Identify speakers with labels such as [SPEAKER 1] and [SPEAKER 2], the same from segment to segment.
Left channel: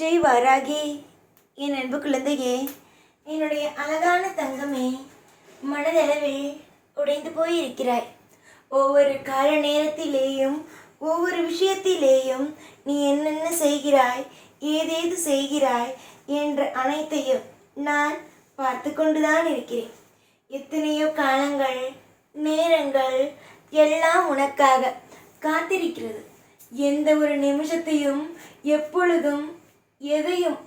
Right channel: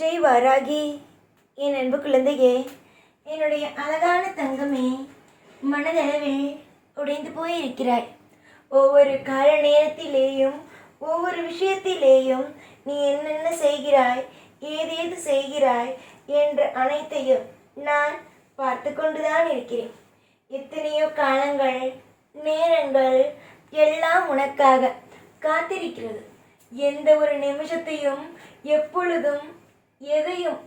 [SPEAKER 1] ஜெய் வாராகி. என் அன்பு குழந்தையே என்னுடைய அழகான தங்கமே மனதளவில் உடைந்து போயிருக்கிறாய். ஒவ்வொரு கால நேரத்திலேயும் ஒவ்வொரு விஷயத்திலேயும் நீ என்னென்ன செய்கிறாய் ஏதேது செய்கிறாய் என்ற அனைத்தையும் நான் பார்த்து கொண்டுதான் இருக்கிறேன். எத்தனையோ காலங்கள் நேரங்கள் எல்லாம் உனக்காக காத்திருக்கிறது. எந்த ஒரு நிமிஷத்தையும் எப்பொழுதும் எதையும்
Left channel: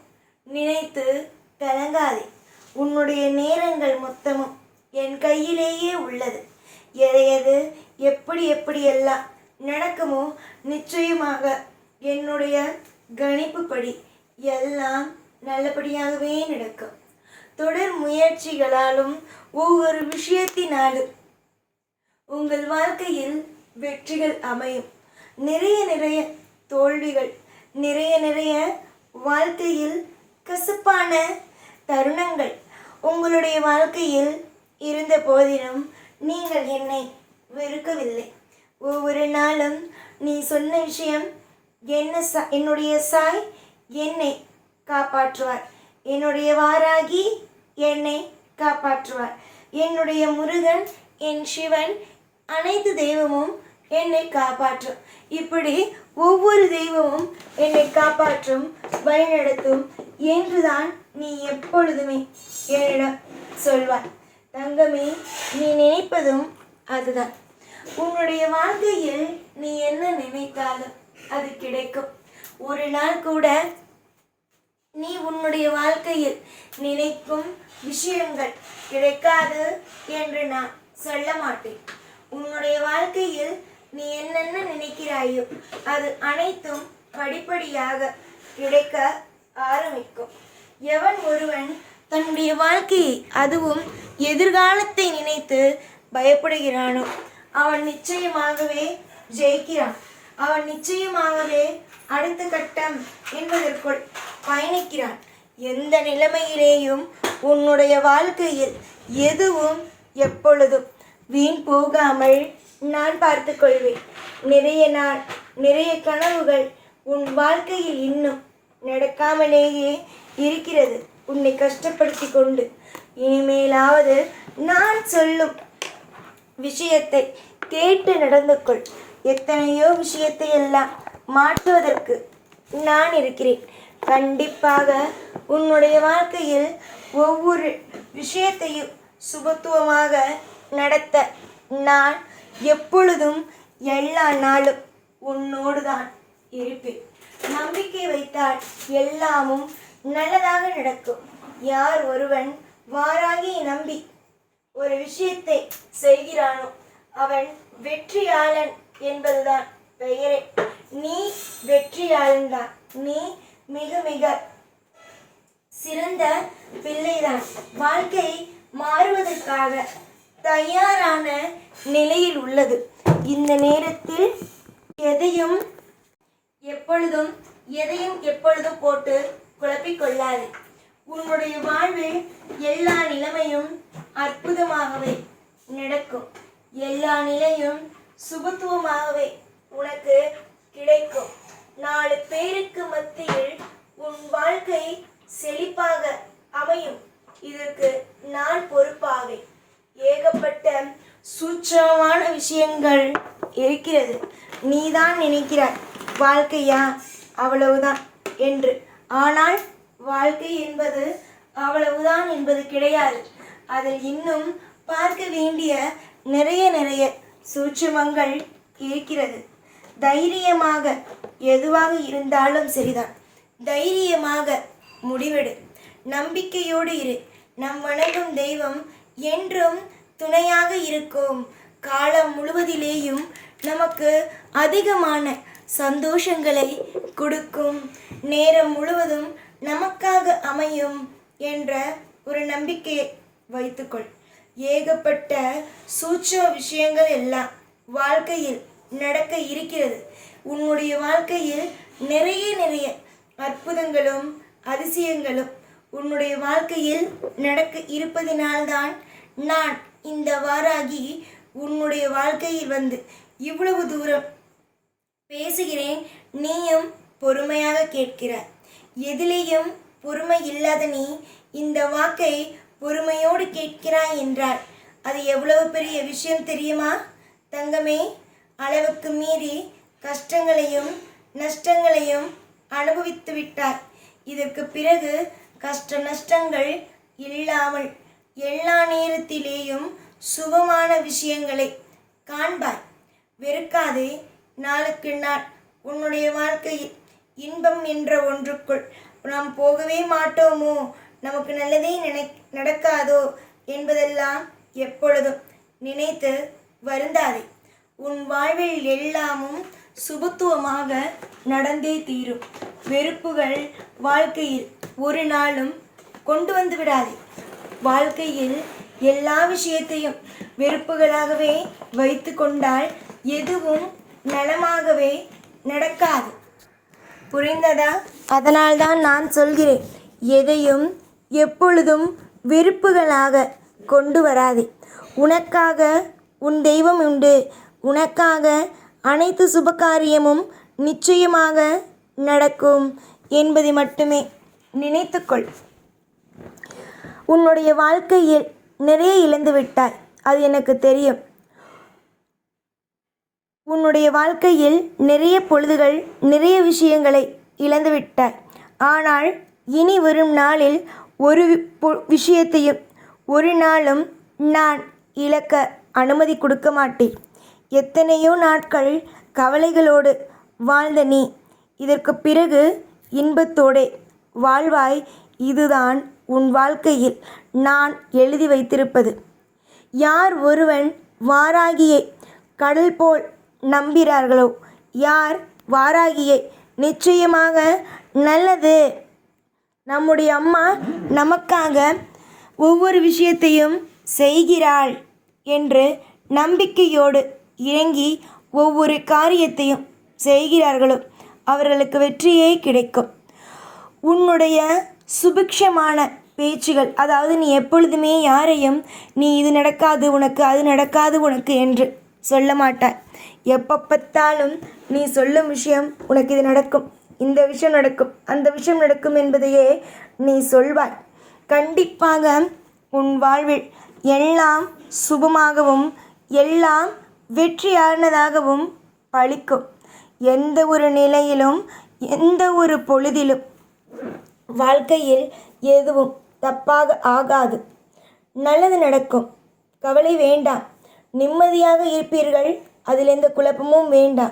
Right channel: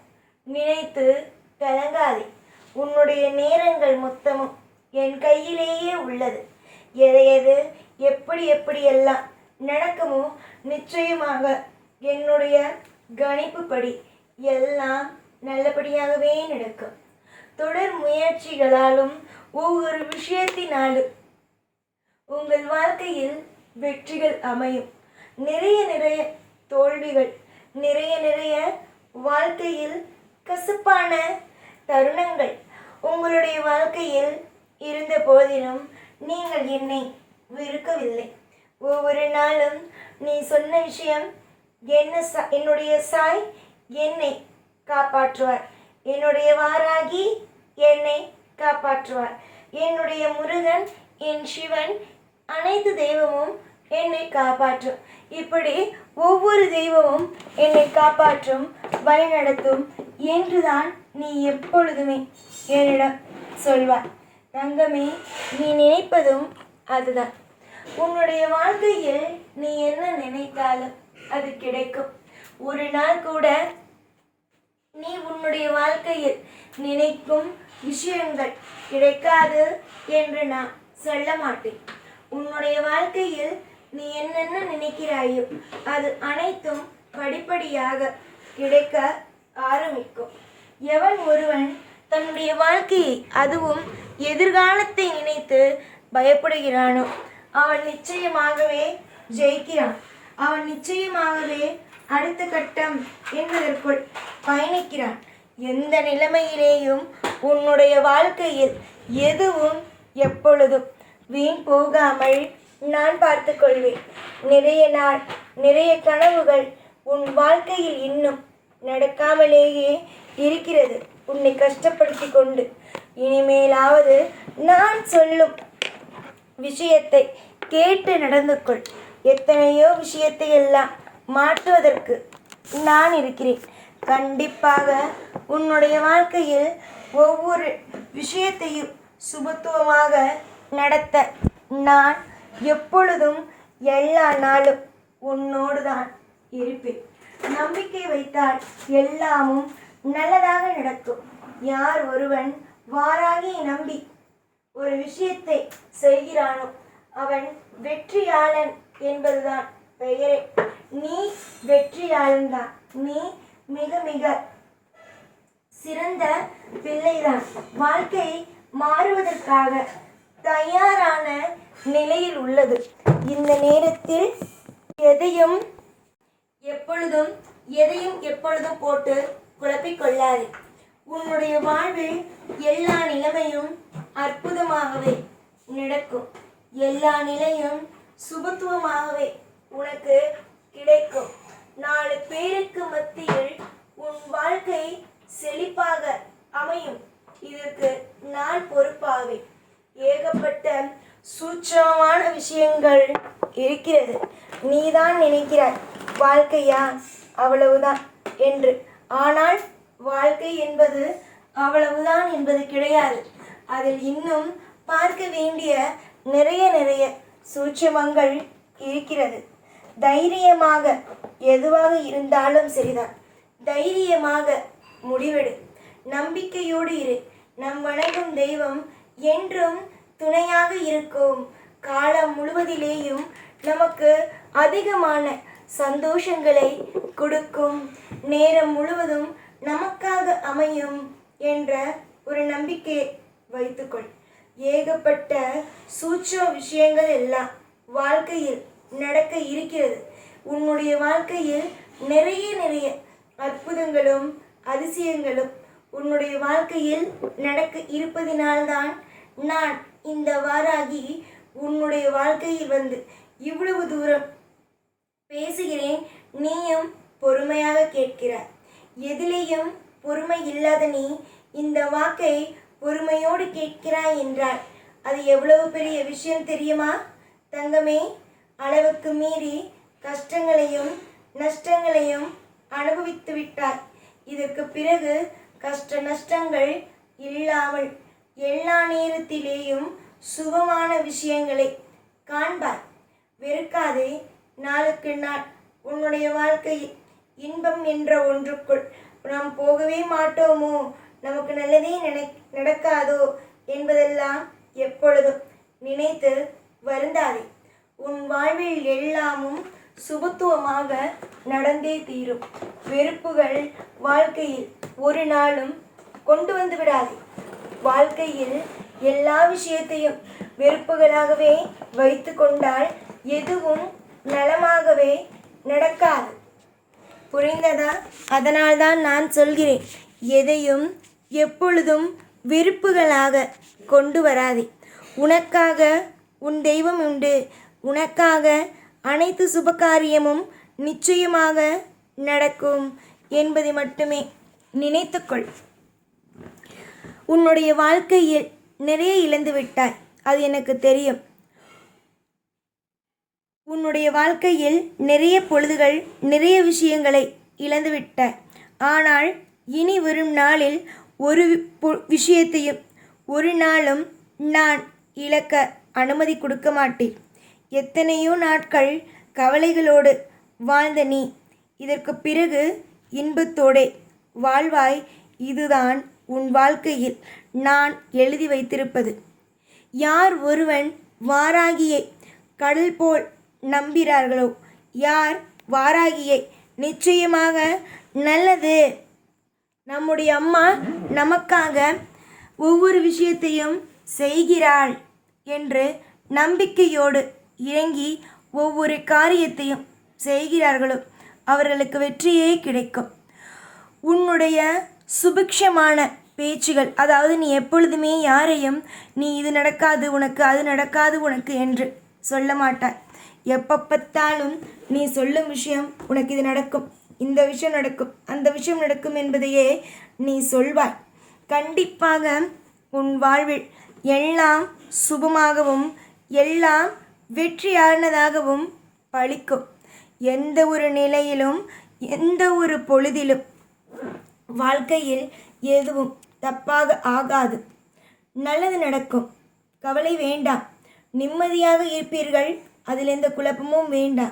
[SPEAKER 1] நினைத்து கலங்காதே. உன்னுடைய நேரங்கள் மொத்தமும் என் கையிலேயே உள்ளது. எதை எது எப்படி எப்படியெல்லாம் நடக்குமோ நிச்சயமாக என்னுடைய கணிப்புப்படி எல்லாம் நல்லபடியாகவே நடக்கும். தொடர் முயற்சிகளாலும் ஒவ்வொரு விஷயத்தினாலும் உங்கள் வாழ்க்கையில் வெற்றிகள் அமையும். நிறைய நிறைய தோல்விகள் நிறைய நிறைய வாழ்க்கையில் கசப்பான தருணங்கள் உங்களுடைய வாழ்க்கையில் இருந்த போதிலும் நீங்கள் என்னை வெறுக்கவில்லை. ஒவ்வொரு நாளும் நீ சொன்ன விஷயம் என்ன சா என்னுடைய சாய் என்னை காப்பாற்றுவார். என்னுடைய வாராகி என்னை காப்பாற்றுவார். என்னுடைய முருகன் என் சிவன் அனைத்து தெய்வமும் என்னை காப்பாற்றும். இப்படி ஒவ்வொரு தெய்வமும் என்னை காப்பாற்றும் வழிநடத்தும் என்றுதான் நீ எப்பொழுதுமே என்னிடம் சொல்வார் தங்கமே நீ நினைப்பதும் அதுதான். உன்னுடைய வாழ்க்கையில் நீ என்ன நினைத்தாலும் அது கிடைக்கும். ஒரு நாள் கூட நீ உன்னுடைய வாழ்க்கையில் நினைக்கும் விஷயங்கள் கிடைக்காது என்று நான் சொல்ல மாட்டேன். உன்னுடைய வாழ்க்கையில் நீ என்னென்ன நினைக்கிறாயோ அது அனைத்தும் படிப்படியாக கிடைக்க ஆரம்பிக்கும். எவன் ஒருவன் தன்னுடைய வாழ்க்கையை அதுவும் எதிர்காலத்தை நினைத்து பயப்படுகிறானோ அவன் நிச்சயமாகவே ஜெயிக்கிறான். அவன் நிச்சயமாகவே அடுத்த கட்டம் என்பதற்குள் பயணிக்கிறான். எந்த நிலைமையிலேயும் உன்னுடைய வாழ்க்கையில் எதுவும் எப்பொழுதும் வீண் போகாமல் நான் பார்த்து கொள்வேன். நிறைய நாள் நிறைய கனவுகள் உன் வாழ்க்கையில் இன்னும் நடக்காமலேயே இருக்கிறது. உன்னை கஷ்டப்படுத்தி கொண்டு இனிமேலாவது நான் சொல்லும் விஷயத்தை கேட்டு நடந்து கொள். எத்தனையோ விஷயத்தை எல்லாம் மாற்றுவதற்கு நான் இருக்கிறேன். கண்டிப்பாக உன்னுடைய வாழ்க்கையில் ஒவ்வொரு விஷயத்தையும் சுபத்துவமாக நடத்த நான் எப்பொழுதும் எல்லா நாளும் உன்னோடு தான் இருப்பேன். நம்பிக்கை வைத்தால் எல்லாமும் நல்லதாக நடக்கும். யார் ஒருவன் வாராகி நம்பி ஒரு விஷயத்தை செய்கிறானோ அவன் வெற்றியாளன் என்பதுதான் பெயரே. நீ வெற்றியாளன் தான் நீ மிக மிக சிறந்த பிள்ளைதான். வாழ்க்கை மாறுவதற்காக தயாரான நிலையில் உள்ளது. இந்த நேரத்தில் எதையும் எப்பொழுதும் எதையும் எப்பொழுதும் போட்டு குழப்பிக்கொள்ளாது. உன்னுடைய வாழ்வில் எல்லா நிலைமையும் அற்புதமாகவே நடக்கும். எல்லா நிலையும் சுபத்துவமாகவே உனக்கு கிடைக்கும். நாலு பேருக்கு மத்தியில் உன் வாழ்க்கை செழிப்பாக அமையும் இதற்கு நான் பொறுப்பாவேன் ஏகப்பட்ட சூட்சமான விஷயங்கள் இருக்கிறது. நீதான் நினைக்கிறாய் வாழ்க்கையா? அவ்வளவுதான் என்று. ஆனால் வாழ்க்கை என்பது அவ்வளவுதான் என்பது கிடையாது. அதில் இன்னும் பார்க்க வேண்டிய நிறைய நிறைய சூட்சமங்கள் இருக்கிறது. தைரியமாக எதுவாக இருந்தாலும் சரிதான். தைரியமாக முடிவெடு. நம்பிக்கையோடு இரு. நம் வணங்கும் தெய்வம் என்றும் துணையாக இருக்கும். காலம் முழுவதிலேயும் நமக்கு அதிகமான சந்தோஷங்களை கொடுக்கும். நேரம் முழுவதும் நமக்காக அமையும் என்ற ஒரு நம்பிக்கையை வைத்துக்கொள். ஏகப்பட்ட சூட்சம விஷயங்கள் எல்லாம் வாழ்க்கையில் நடக்க இருக்கிறது. உன்னுடைய வாழ்க்கையில் நிறைய நிறைய அற்புதங்களும் அதிசயங்களும் உன்னுடைய வாழ்க்கையில் நடக்க இருப்பதினால்தான் நான் இந்த வாராகி உன்னுடைய வாழ்க்கையில் வந்து இவ்வளவு தூரம் பேசுகிறேன் நீயும் பொறுமையாக கேட்கிறாய். எதிலேயும் பொறுமை இல்லாத நீ இந்த வாக்கை பொறுமையோடு கேட்கிறாய் என்றார். அது எவ்வளவு பெரிய விஷயம் தெரியுமா? தங்கமே அளவுக்கு மீறி கஷ்டங்களையும் நஷ்டங்களையும் அனுபவித்து விட்டார் இதற்கு பிறகு கஷ்ட நஷ்டங்கள் இல்லாமல் எல்லா நேரத்திலேயும் சுபமான விஷயங்களை காண்பாய். வெறுக்காதே நாளுக்கு நாள் உன்னுடைய வாழ்க்கையில் இன்பம் என்ற ஒன்றுக்குள் நாம் போகவே மாட்டோமோ? நமக்கு நல்லதே நினை நடக்காதோ? என்பதெல்லாம் எப்பொழுதும் நினைத்து வருந்தாதே. உன் வாழ்வில் எல்லாமும் சுபத்துவமாக நடந்தே தீரும். வெறுப்புகள் வாழ்க்கையில் ஒரு நாளும் கொண்டு வந்து விடாதே. வாழ்க்கையில் எல்லா விஷயத்தையும் வெறுப்புகளாகவே வைத்து கொண்டால் எதுவும் நலமாகவே நடக்காது. புரிந்ததா? அதனால்தான் நான் சொல்கிறேன் எதையும் எப்பொழுதும் வெறுப்புகளாக கொண்டு வராதே. உனக்காக உன் தெய்வம் உண்டு. உனக்காக அனைத்து சுபகாரியமும் நிச்சயமாக நடக்கும் என்பதை மட்டுமே நினைத்துக்கொள். உன்னுடைய வாழ்க்கையில் நிறைய இழந்து விட்டாய். அது எனக்கு தெரியும். உன்னுடைய வாழ்க்கையில் நிறைய பொழுதுகள் நிறைய விஷயங்களை இழந்து விட்டாய். ஆனால் இனி வரும் நாளில் ஒரு வி- பொ- விஷயத்தையும் ஒரு நாளும் நான் இழக்க அனுமதி கொடுக்க மாட்டேன். எத்தனையோ நாட்கள் கவலைகளோடு வாழ்ந்த நீ இதற்கு பிறகு இன்பத்தோடே வாழ்வாய். இதுதான் உன் வாழ்க்கையில் நான் எழுதி வைத்திருப்பது. யார் ஒருவன் வாராகியை கடல் போல் நம்புகிறார்களோ யார் வாராகியை நிச்சயமாக நல்லது. நம்முடைய அம்மா நமக்காக ஒவ்வொரு விஷயத்தையும் செய்கிறாள் என்று நம்பிக்கையோடு இறங்கி ஒவ்வொரு காரியத்தையும் செய்கிறார்களோ அவர்களுக்கு வெற்றியே கிடைக்கும். உன்னுடைய சுபிக்ஷமான பேச்சுகள். அதாவது நீ எப்பொழுதுமே யாரையும் நீ இது நடக்காது உனக்கு அது நடக்காது உனக்கு என்று சொல்ல மாட்டாய். எப்போ பார்த்தாலும் நீ சொல்லும் விஷயம் உனக்கு இது நடக்கும் இந்த விஷயம் நடக்கும் அந்த விஷயம் நடக்கும் என்பதையே நீ சொல்வாய். கண்டிப்பாக உன் வாழ்வில் எல்லாம் சுபமாகவும் எல்லாம் வெற்றியானதாகவும் பழிக்கும். எந்த ஒரு நிலையிலும் எந்த ஒரு பொழுதிலும் வாழ்க்கையில் எதுவும் தப்பாக ஆகாது. நல்லது நடக்கும். கவலை வேண்டாம். நிம்மதியாக இருப்பீர்கள். அதில் எந்த குழப்பமும் வேண்டாம்.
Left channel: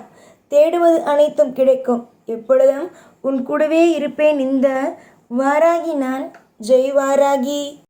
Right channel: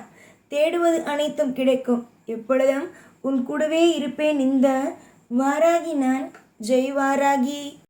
[SPEAKER 1] தேடுவது அனைத்தும் கிடைக்கும். எப்பொழுதும் உன் கூடவே இருப்பேன். இந்த வாராகி நான். ஜெய் வாராகி.